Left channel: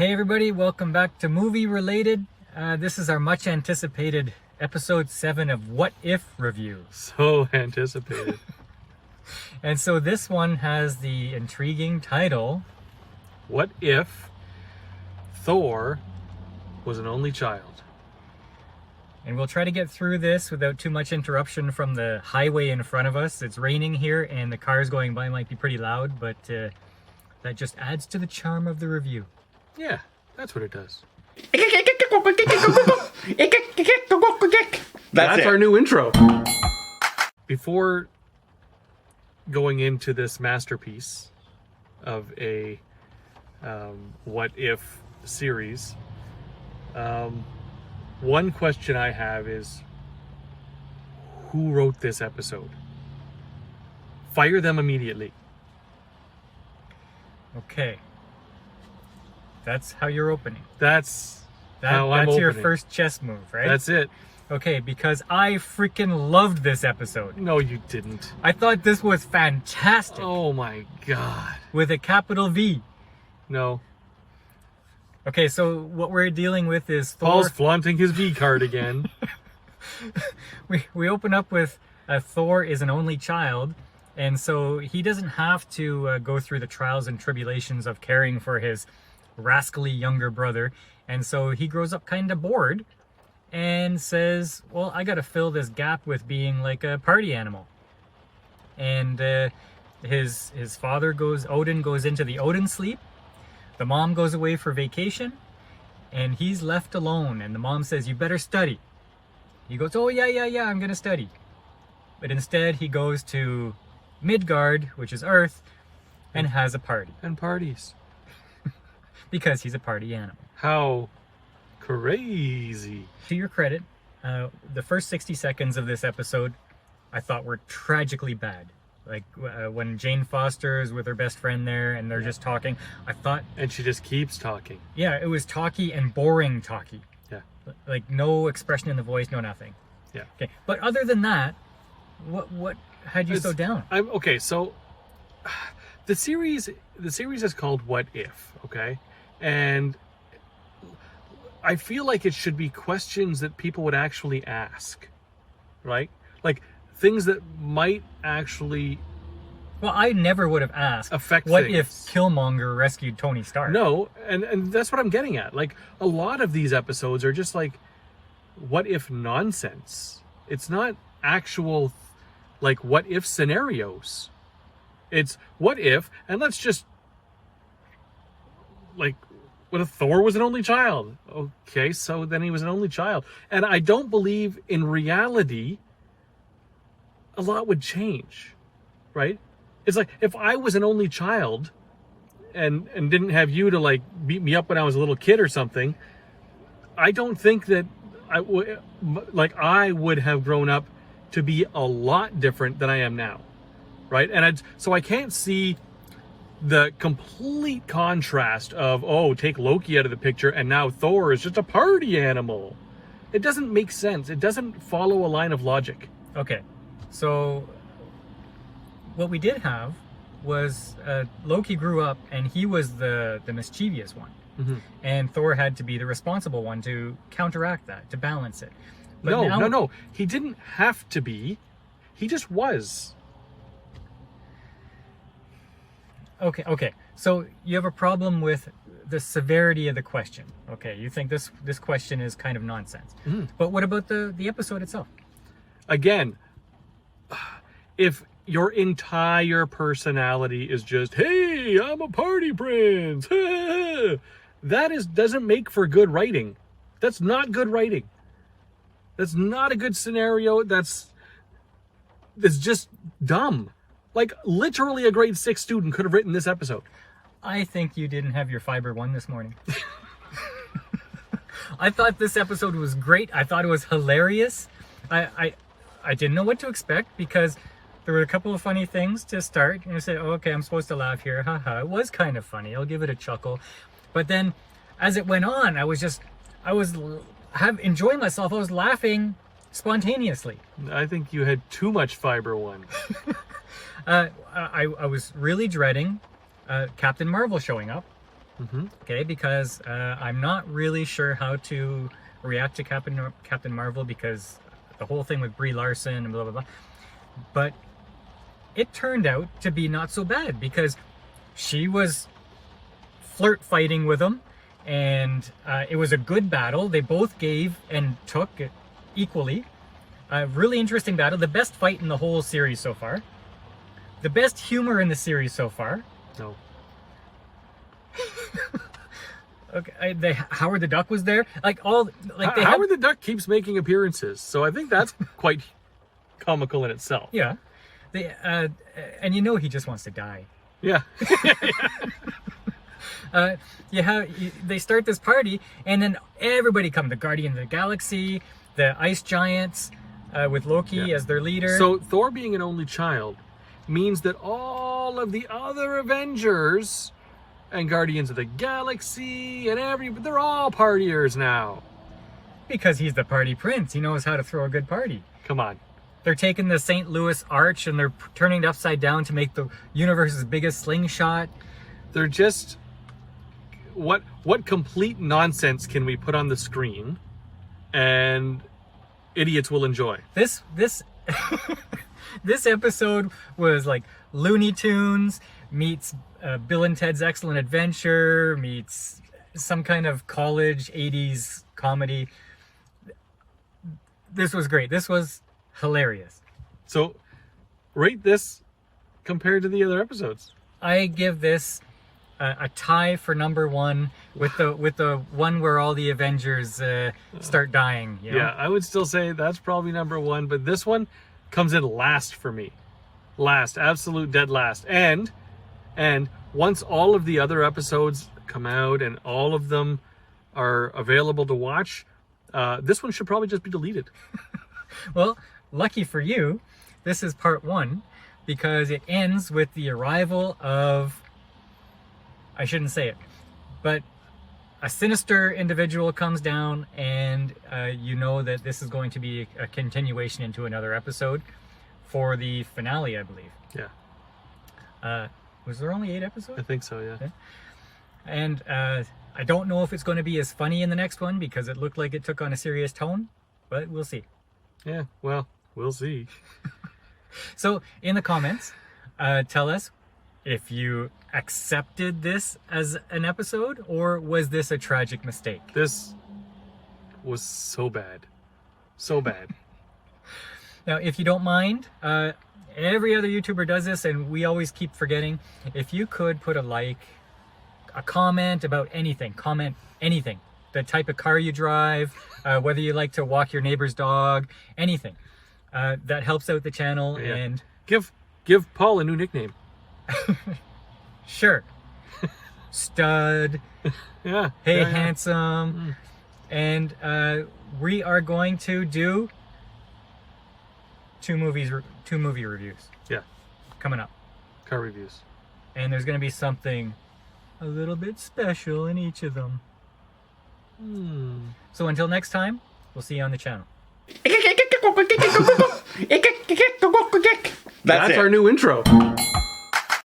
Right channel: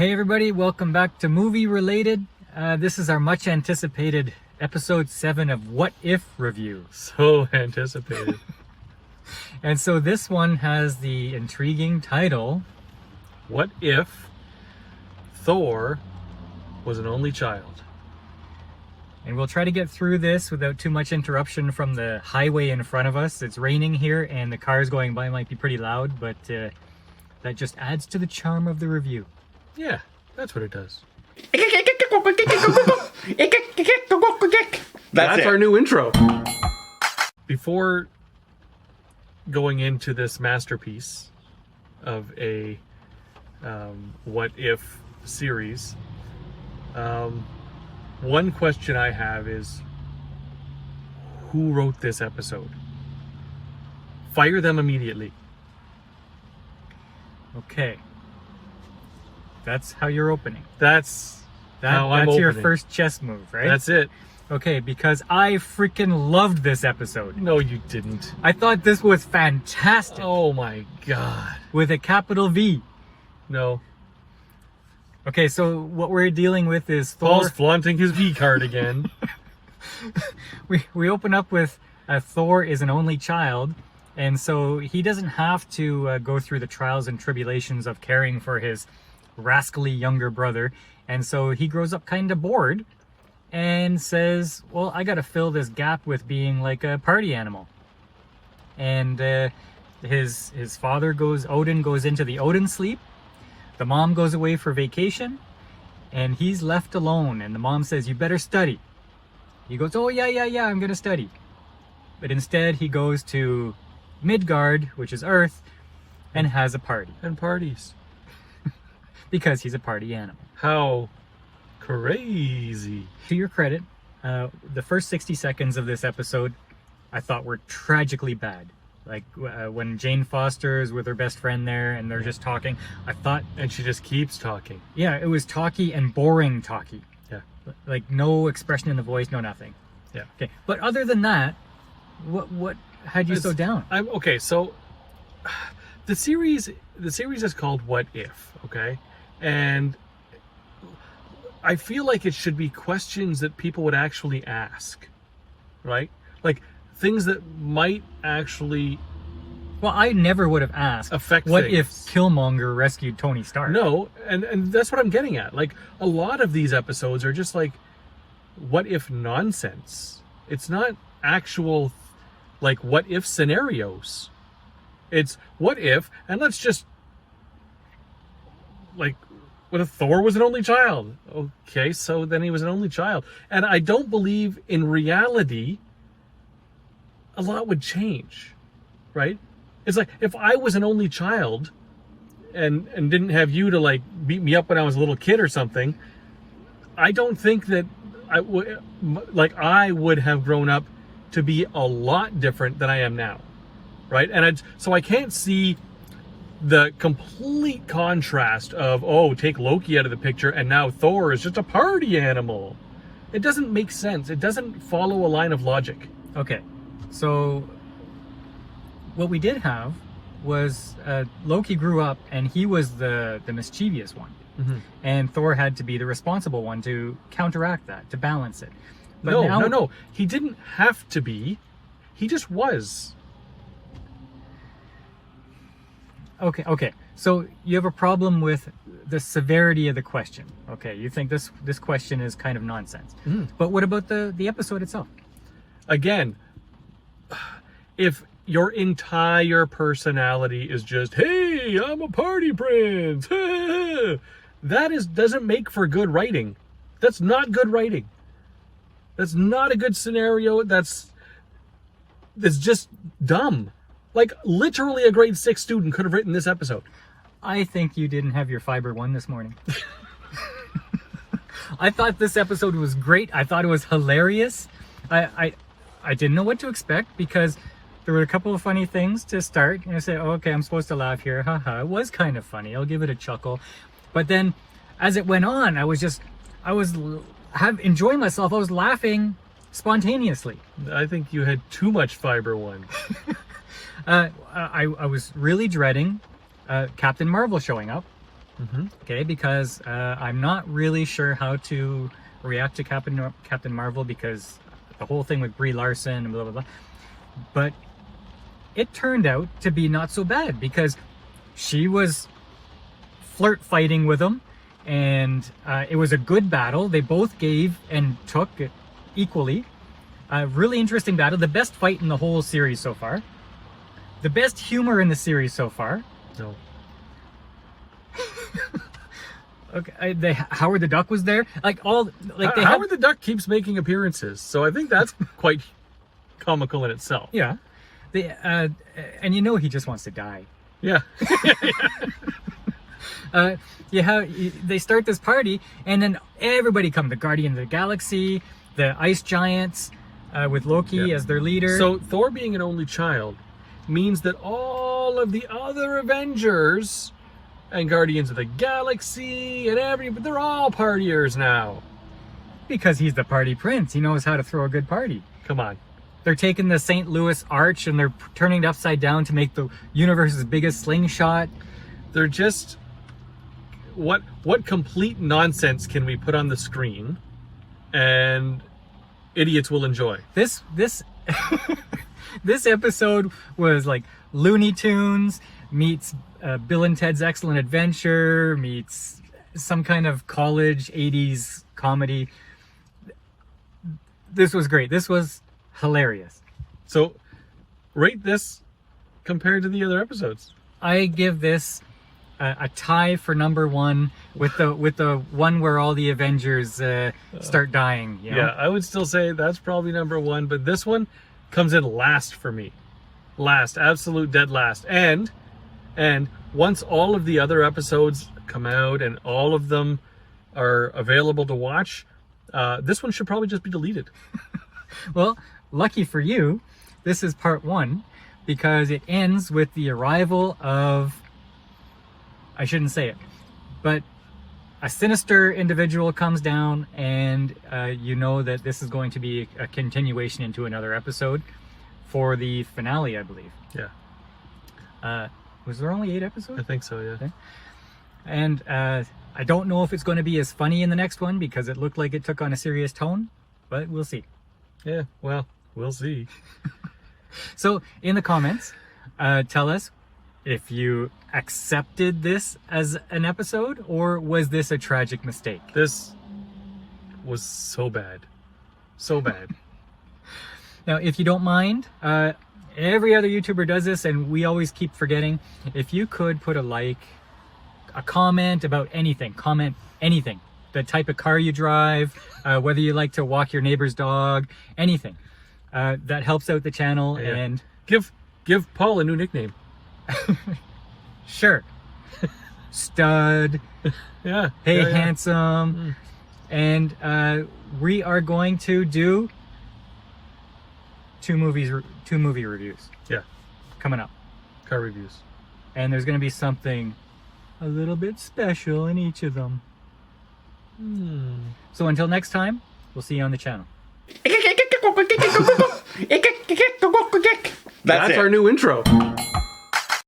Hey everybody, welcome back to Movie Related. This is our much anticipated episode 7 of What If review. So anticipated. And so this one has the intriguing title, What if Thor was an only child? and we'll try to get through this without too much interruption from the highway in front of us. It's raining here and the cars going by might be pretty loud, but that just adds to the charm of the review. Yeah, that's what it does. That's our new intro. Before going into this masterpiece of a what if series, one question I have is, who wrote this episode? Fire them immediately. Okay. That's how you're opening. That's how I'm That's your opening. first chess move, right? That's it. Okay, because I freaking loved this episode. No, you didn't. I thought this was fantastic. Oh my god. With a capital V. No. Okay, so what we're dealing with is Thor. Paul's flaunting his V card again. We open up with Thor is an only child, and so he doesn't have to go through the trials and tribulations of caring for his rascally younger brother, and so he grows up kind of bored and says, well, I gotta fill this gap with being like a party animal. And his father Odin goes into the Odin sleep. The mom goes away for vacation, and he's left alone, and the mom says, you better study. He goes, oh yeah, I'm gonna study. But instead he goes to Midgard, which is Earth, and has a party. And parties. Because he's a party animal. How crazy. To your credit, the first 60 seconds of this episode I thought were tragically bad. Like when Jane Foster is with her best friend there and they're just talking, I thought... And she just keeps talking. Yeah, it was talky and boring talky. Yeah. Like no expression in the voice, no nothing. Yeah. Okay, but other than that, what had you so down? Okay, so the series is called What If, okay? And I feel like it should be questions that people would actually ask, right? Like things that might actually... Well, I never would have asked, affect what things. if Killmonger rescued Tony Stark? No, and that's what I'm getting at. Like, a lot of these episodes are just like, what if nonsense. It's not actual, like, what if scenarios. It's what if, and let's just, like, what if Thor was an only child? Okay, so then he was an only child. And I don't believe in reality a lot would change, right? It's like, if I was an only child and didn't have you to, like, beat me up when I was a little kid or something, I don't think that I would have grown up to be a lot different than I am now, right? And so I can't see the complete contrast of, oh, take Loki out of the picture and now Thor is just a party animal. It doesn't make sense. It doesn't follow a line of logic. Okay, so what we did have was Loki grew up and he was the mischievous one. Mm-hmm. And Thor had to be the responsible one to counteract that, to balance it. But No. He didn't have to be. He just was. Okay. So you have a problem with the severity of the question. Okay, you think this question is kind of nonsense. Mm. But what about the episode itself? Again, if your entire personality is just, hey, I'm a party prince, that doesn't make for good writing. That's not good writing. That's not a good scenario. That's just dumb. Like, literally a grade 6 student could have written this episode. I think you didn't have your fiber 1 this morning. I thought this episode was great. I thought it was hilarious. I didn't know what to expect because there were a couple of funny things to start. And I said, oh, okay, I'm supposed to laugh here. Haha, it was kind of funny. I'll give it a chuckle. But then as it went on, I was enjoying myself. I was laughing spontaneously. I think you had too much fiber 1. I was really dreading Captain Marvel showing up. Okay, because I'm not really sure how to react to Captain Marvel, because the whole thing with Brie Larson and blah blah blah. But it turned out to be not so bad, because she was flirt fighting with him, and it was a good battle. They both gave and took equally. A really interesting battle. The best fight in the whole series so far. The best humor in the series so far. No. Okay, Howard the Duck was there. Howard the Duck keeps making appearances, so I think that's quite comical in itself. Yeah, and he just wants to die. Yeah. They start this party, and then everybody comes. The Guardians of the Galaxy, the Ice Giants, with Loki as their leader. So Thor being an only child means that all of the other Avengers and Guardians of the Galaxy and they're all partiers now. Because he's the party prince. He knows how to throw a good party. Come on. They're taking the St. Louis Arch and they're turning it upside down to make the universe's biggest slingshot. They're just... What complete nonsense can we put on the screen and idiots will enjoy? This this episode was like Looney Tunes meets Bill and Ted's Excellent Adventure meets some kind of college 80s comedy. This was great. This was hilarious. So, rate this compared to the other episodes. I give this a tie for number one with the one where all the Avengers start dying. You know? Yeah, I would still say that's probably number one, but this one comes in last for me. Last, absolute dead last. And once all of the other episodes come out and all of them are available to watch, this one should probably just be deleted. Well, lucky for you, this is part one, because it ends with the arrival of, I shouldn't say it, but a sinister individual comes down, and you know that this is going to be a continuation into another episode for the finale, I believe. Yeah. Was there only 8 episodes? I think so, yeah. Okay. And I don't know if it's going to be as funny in the next one, because it looked like it took on a serious tone, but we'll see. Yeah, well, we'll see. So in the comments, tell us if you accepted this as an episode, or was this a tragic mistake? This was so bad. So bad. Now, if you don't mind, every other YouTuber does this, and we always keep forgetting. If you could put a like, a comment about anything, comment anything. The type of car you drive, whether you like to walk your neighbor's dog, anything. That helps out the channel. Yeah. And give Paul a new nickname. Sure. Stud. Yeah. Hey, yeah. handsome. And we are going to do two movie reviews. Yeah. Coming up. Car reviews. And there's going to be something a little bit special in each of them. So until next time, we'll see you on the channel. That's our new intro.